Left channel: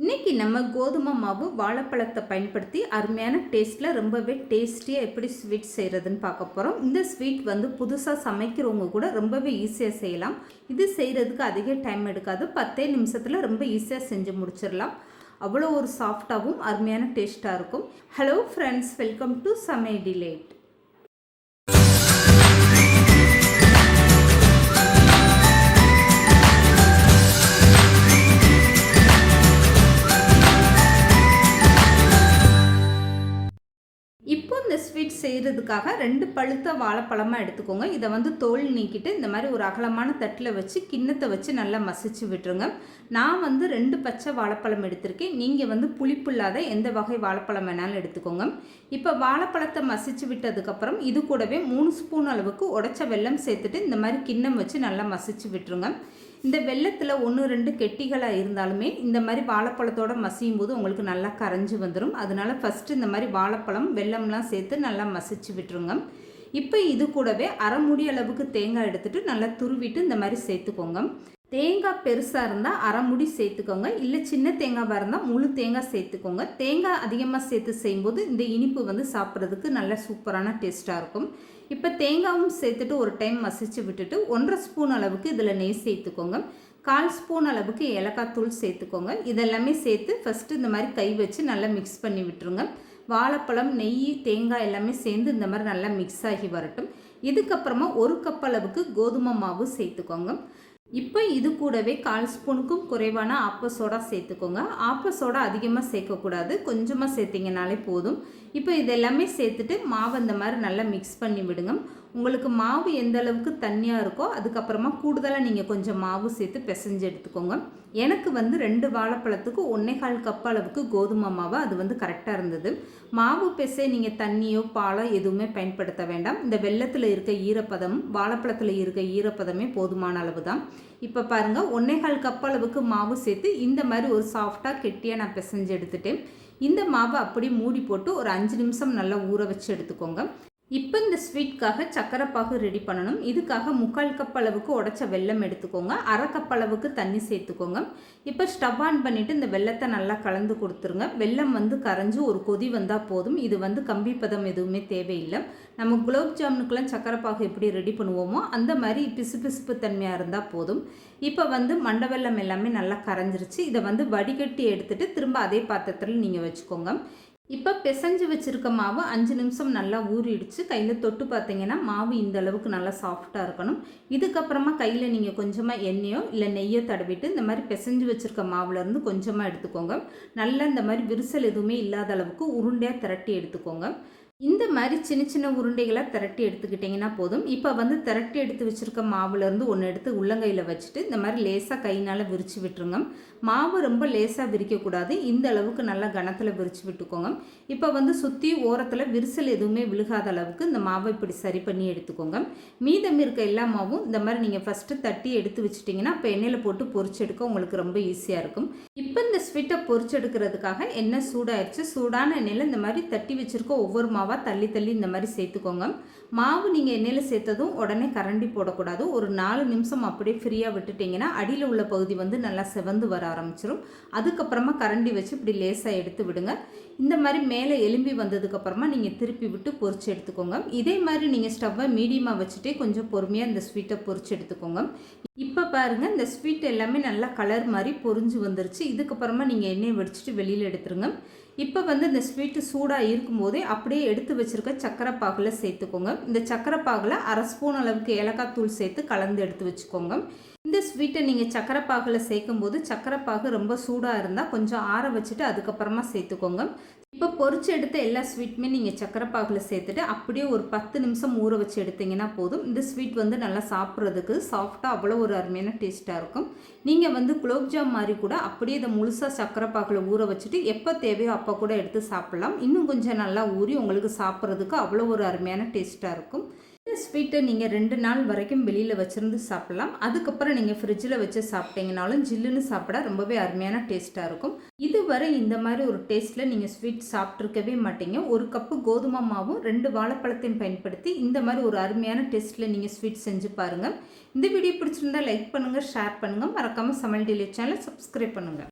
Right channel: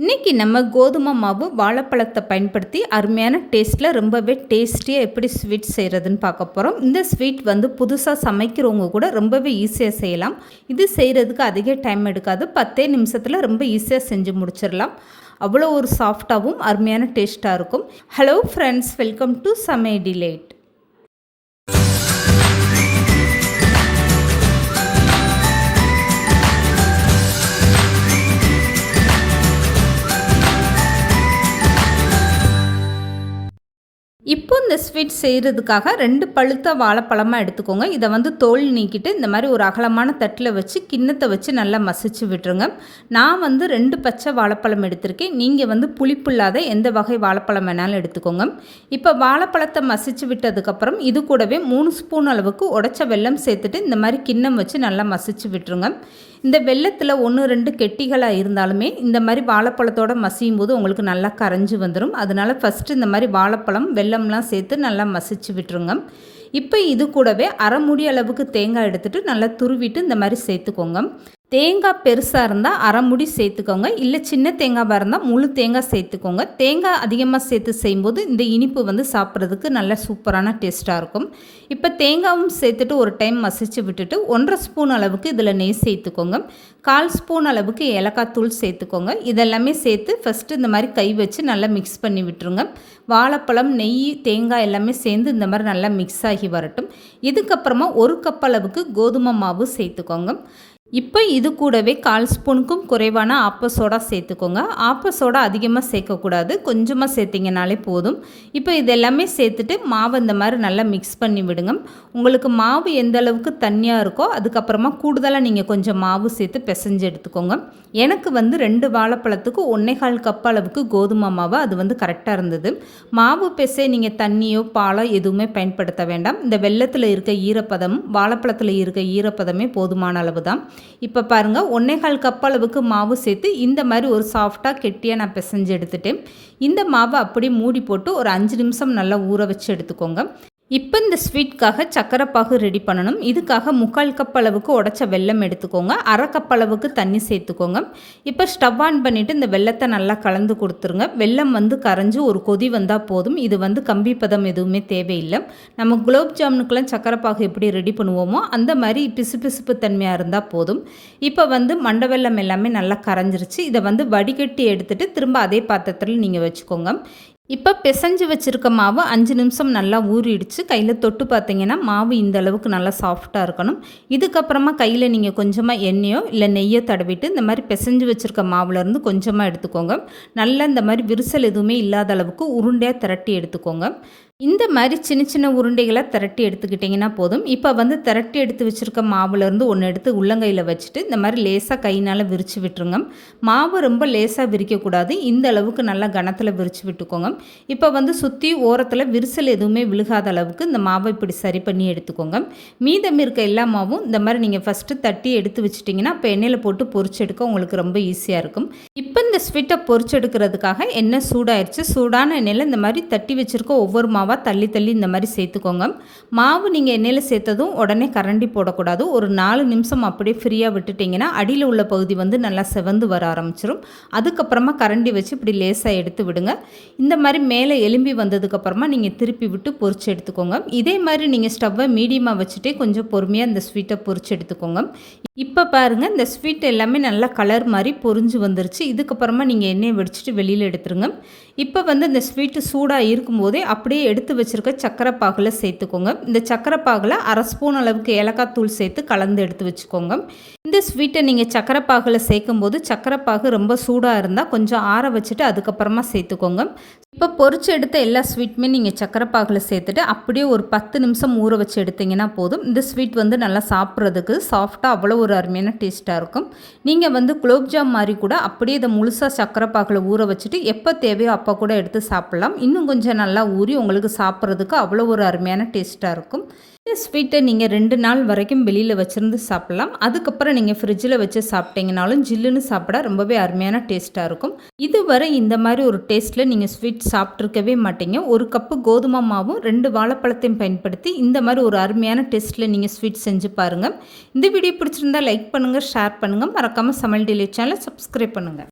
இன்றைக்கி நம்ம கோதுமை மாவு வாழைப்பழத்தை பயன்படுத்தி அருமையான டேஸ்ட்டில் ரொம்பவே டேஸ்டியாக எப்படி ஸ்வீட் செய்கிறதுன்னு பார்க்க போகிறோம். இந்த ஸ்வீட் வந்து புதுசாக சமைக்கிறவங்க கூட ரொம்பவே ஈஸியாக செய்யலாம். இது செய்கிறதுக்கு அதிக டைம் எடுக்காது. 10 நிமிஷத்தில் ரொம்ப ஈஸியாக செஞ்சு முடிச்சிடலாம். அவ்வளோ ஒரு சாஃப்டாகவும் அருமையான டேஸ்ட்டாக இருக்கும். ஹலோ ஃப்ரெண்ட்ஸ், வெல்கம் டு சமையல் டிலைட். இப்போ இந்த ஸ்வீட் செய்கிறதுக்காக 2 பழுத்த வாழைப்பழமாக எடுத்துக்கோங்க. இதை வந்து தோல் நீக்கிட்டு இந்த மாதிரி ஒரு அகலமான தட்டில் வச்சு கிண்ணத்தை வச்சு நல்லா மசிச்சு விட்டுருங்க. நான் வந்து 2 பச்சை வாழைப்பழம் எடுத்திருக்கேன். நீங்கள் வந்து புளிப்பு இல்லாத எந்த வகை வாழைப்பழம் வேணாலும் எடுத்துக்கோங்க. இப்போ வாழைப்பழத்தை மசிச்சு விட்டதுக்கப்புறம் இது கூடவே 3 ஸ்பூன் அளவுக்கு உடைச்ச வெல்லம் சேர்த்துட்டு இந்த மாதிரி கிண்ணம் வச்சு நல்லா மசிச்சு விட்டுருங்க. இந்த வெல்லத்தில் 1-2 கெட்டிகளாக இருந்தாலுமே இந்த மாதிரி வாழைப்பழத்தோடு மசியும் போது உங்களுக்கு நல்லா கரைஞ்சி வந்துடும். அதனால் ஃபஸ்ட்டு இந்த மாதிரி வாழைப்பழம் வெல்லம்லாம் சேர்த்து நல்லா மசிச்சு விட்டுருங்க. இப்போ இது கூடவே அரை மூடி அளவுக்கு தேங்காய் எடுத்துகிட்டு நல்லா துருவிட்டு இந்த மாதிரி சேர்த்துக்கோங்க. தேங்காய் பெருசாக இருந்தால் அரை முடி சேர்த்துக்கோங்க. இல்லை சின்ன தேங்காவாக இருந்தால் முழு தேங்காய் சேர்த்துக்கோங்க. தேங்காய் அதிகமாக சேர்த்து செய்யும்போது இந்த இனிப்பு வந்து சாப்பிட்றதுக்கு நல்ல சூப்பரான டேஸ்ட்டாக இருக்கும். இப்போ தேங்காயும் சேர்த்துட்டு ஒரு டைம் மசிச்சு விட்டுட்டு 1.5 ஸ்பூன் அளவுக்கு இதில் நெய் சேர்த்துக்கோங்க. 1/4 ஸ்பூன் அளவுக்கு ஏலக்காய் தூள் சேர்த்துக்கோங்க. இதெல்லாமே சேர்த்து ஃபஸ்ட்டு இந்த மாதிரி கை வச்சு நல்லா மிக்ஸ் பண்ணி விட்டுருங்க. வாழைப்பழம், நெய், தேங்காய் எல்லாமே சேர்ந்து இந்த மாதிரி நல்லா மிக்ஸ் ஆகி வரட்டும். இதுக்கப்புறமா 1 கப் அளவுக்கு கோதுமை மாவு சேர்த்துக்கோங்க. இப்போ இது கூடவே 1/4 ஸ்பூனுக்கும் குறைவான ஆப்ப சோடா சேர்த்துக்கோங்க. ஆப்ப சோடா அதிகமாக சேர்க்கக்கூடாது, கொஞ்சமாக சேர்த்திங்கனாலே போதும். இப்போ இதெல்லாமே சேர்த்துட்டு மாவை இந்த மாதிரி நல்லா மிக்ஸ் பண்ணி விடுங்க. உங்களுக்கு மாவு எந்த அளவுக்கு தண்ணியாக இருக்கோ அதுக்கப்புறமா கூடுதலாக நீங்கள் கொஞ்சம் மாவு சேர்த்து பிசைஞ்சு எடுத்துக்கோங்க. எனக்கு வந்து 2 வாழைப்பழத்துக்கு 1/4 கப் அளவுக்கு கோதுமை மாவு அது வந்து கரெக்டாக இருந்தது. மாவு பிசை நீங்கள் தண்ணியோ பாலோ எதுவுமே பயன்படுத்த வேண்டாம். இந்த வெல்லத்தில் இருக்க ஈரப்பதமும் வாழைப்பழத்தில் இருக்க ஈரப்பதமே போதுமான அளவு தான். இப்போ பாருங்கள், 1/4 கப் அளவுக்கு மாவு சேர்த்து இந்த மாதிரி ஒரு சாஃப்டாக கெட்டியாக நான் பிசைஞ்சு எடுத்துட்டேன். இந்த மாவை அப்படியே மூடி போட்டு ஒரு 5 நிமிஷம் நல்லா ஊற வச்சு எடுத்துக்கோங்க. இப்போ இந்த ஸ்வீட்காக சக்கரை பாகு ரெடி பண்ணணும். இதுக்காக 3/4 கப் அளவுக்கு உடைச்ச வெல்லம் எடுத்துக்கோங்க. அரை கப் அளவுக்கு தண்ணி சேர்த்துக்கோங்க. இப்போ ஸ்டவ் ஆன் பண்ணிவிட்டு இந்த வெல்லத்தை நல்லா கலந்து கொடுத்துருங்க. வெல்லம் வந்து கரைஞ்சி ஒரு கொதி வந்தால் போதும். இது வந்து கம்பி பதம் எதுவுமே தேவையில்லை. நம்ம குலோப் ஜாமுனுக்கெல்லாம் சக்கரை பாகு எப்படி ரெடி பண்ணுவோமோ அந்த மாதிரி பிசுபிசுப்பு தன்மையாக இருந்தால் போதும். இப்போ வந்து மண்டை வெல்லம் எல்லாமே நல்லா கரைஞ்சிருச்சு. இதை வந்து வடிகட்டி எடுத்துகிட்டு திரும்ப அதே பாத்திரத்தில் நீங்கள் வச்சுக்கோங்க. இப்போ பிசைஞ்சு வச்சுருக்க மாவு 5 நிமிஷம் நல்லா ஊறிடுச்சு. கையில் தொட்டு பார்த்தீங்கன்னா மாவு இந்த அளவுக்கு நல்லா சாஃப்டாக இருக்கணும். இதுக்கப்புறமா கையில் நீங்கள் கொஞ்சமாக எண்ணெயோ இல்லை நெய்யோ தடவிட்டு இந்த மாதிரி பிசைஞ்சு வச்சுருக்க மாவுலேருந்து கொஞ்சமாக எடுத்துக்கோங்க. நல்லா இந்த மாதிரி விரிசல் எதுவுமே இல்லாத அளவுக்கு உருண்டையாக திரட்டி எடுத்துக்கோங்க. இந்த மாதிரி சின்ன சின்ன உருண்டைகளை திரட்டி எடுத்துக்கிட்டிங்கன்னா போதும். இப்போ வந்து திரட்டி எடுத்து வச்சுருக்க மாவுலேருந்து ஒன்று எடுத்து உள்ளங்கையில் வச்சுட்டு இந்த மாதிரி லேசாக கையினால் விரித்து விட்டுருங்க. மாவு ரொம்ப லேசாக விரிக்கக்கூடாது, இந்த அளவுக்கு நல்லா கனத்தில் விரித்து விட்டுக்கோங்க. இப்போ வந்து சுற்றி ஓரத்தில் விரிசல் எதுவுமே விழுகாத அளவுக்கு இந்த மாவை இப்படி சரி பண்ணி எடுத்துக்கோங்க. மீதம் இருக்க எல்லா மாவும் இந்த மாதிரி நீங்கள் ஃபஸ்ட்டு தட்டி எடுத்து வச்சிட்டிங்கன்னா இப்போ எண்ணெயில் போட்டு பொரிச்சு எடுக்க உங்களுக்கு ரொம்ப ஈஸியாக இருக்கும். இப்போ இந்த ஸ்வீட்டை பொரிச்சு எடுக்கிறதுக்காக எண்ணெய் சூடாயிருச்சு. சூடான எண்ணெயில் இந்த மாதிரி தட்டி வச்சுருக்க ஒவ்வொரு மாவாக தள்ளி தள்ளி இந்த மாதிரி சேர்த்துக்கோங்க. மாவு நீங்கள் எண்ணெயில் சேர்த்ததும் உடனே கரண்டி போடக்கூடாது. ஒரு 4 நிமிஷம் அப்படியே ஃப்ரீயாக விட்டுட்டிங்கன்னா அடியில் உள்ள பகுதி வந்து நல்லா செவந்து வர ஆரம்பிச்சிடும். அதுக்கப்புறமா கரண்டி வச்சு இப்படி லேசாக எடுத்து விடுங்க. இந்த மாதிரி மேலே எலும்பி வந்ததுக்கப்புறமா நீங்கள் திருப்பி விட்டு பொரிச்சு எடுத்துக்கோங்க. இதே மாதிரி நீங்கள் ஸ்டவ்வை மீடியமாக வச்சுட்டே கொஞ்சம் பொறுமையாக இந்த ஸ்வீட்டை பொரிச்சு எடுத்துக்கோங்க. இப்போ பாருங்கள், இந்த ஸ்வீட் எல்லாமே நல்லா கலர் மாதிரி பொரிஞ்சு வந்துருச்சு. இதுக்கப்புறமா நீங்கள் எண்ணெயை வடிச்சிட்டு வெளியில் எடுத்துருங்க. இப்போ வந்து இந்த ஸ்வீட்டு சூடாக இருக்கும்போதே அப்படியே எடுத்து வச்சுருக்க சக்கரை பாகில் சேர்த்துக்கோங்க. இந்த சக்கரை பாகில் அரை ஸ்பூன் அளவுக்கு ஏலக்காய் தூள் சேர்த்து கலந்து எடுத்து வச்சுக்கோங்க. இந்த ஸ்வீட்டை நீங்கள் சக்கரை பாகில் சேர்க்கும்போது சக்கரை பாகு ரொம்ப சூடாக இருந்தால் கொஞ்சம் ஆற வச்சுட்டு அதுக்கப்புறமா சேர்த்துக்கோங்க. இப்போ பொரிச்சு எடுத்த எல்லா ஸ்வீட்டுமே நீங்கள் சக்கரை பாகில் சேர்த்துட்டு அப்படியே ஒரு 10 நிமிஷம் ஊற வச்சு எடுத்திங்கன்னா போதும். இந்த ஸ்வீட் வந்து நல்லா சாப்பிட்றதுக்கு சாஃப்டாக அவ்வளோ ஒரு அருமையான டேஸ்ட்டாக இருக்கும். நீங்கள் வந்து குலோப் ஜாம் மாதிரி கூட அப்படியே இதை முழுசாக சக்கரை பாகில் ஊற வச்சுட்டு எப்போ தேவையோ அப்போ கூட எடுத்து சாப்பிட்லாம். இன்னும் கொஞ்சம் நல்லா ஊறி உங்களுக்கு சாப்பிட்றதுக்கு அவ்வளோ ஒரு அருமையான டேஸ்ட்டாக இருக்கும். இந்த ஸ்வீட்டை நீங்கள் 2 நாள் வரைக்கும் வெளியில் வச்சுருந்து சாப்பிட்லாம். அதுக்கப்புறம் நீங்கள் ஃப்ரிட்ஜில் வச்சு சாப்பிட்டீங்கனாலும் ஜில்லுன்னு சாப்பிட ரொம்பவே அருமையான டேஸ்ட்டாக இருக்கும். இதுவரை இந்த மாதிரி ஒரு டேஸ்ட்டில் நீங்கள் ஸ்வீட் சாப்பிட்ருக்கவே மாட்டீங்க. 1 கப்பு கோதுமை மாவும் 2 வாழைப்பழத்தையும் பயன்படுத்தி இந்த மாதிரி ஒரு அருமையான டேஸ்ட்டில் நீங்கள் ஸ்வீட் செஞ்சு பாருங்கள். இந்த வீடியோ பிடிச்சிருந்தால் லைக் பண்ணுங்கள், ஷேர் பண்ணுங்கள், மறக்காமல் சமையல் டிலைட் சேனலை சப்ஸ்கிரைப் பண்ணுங்கள்.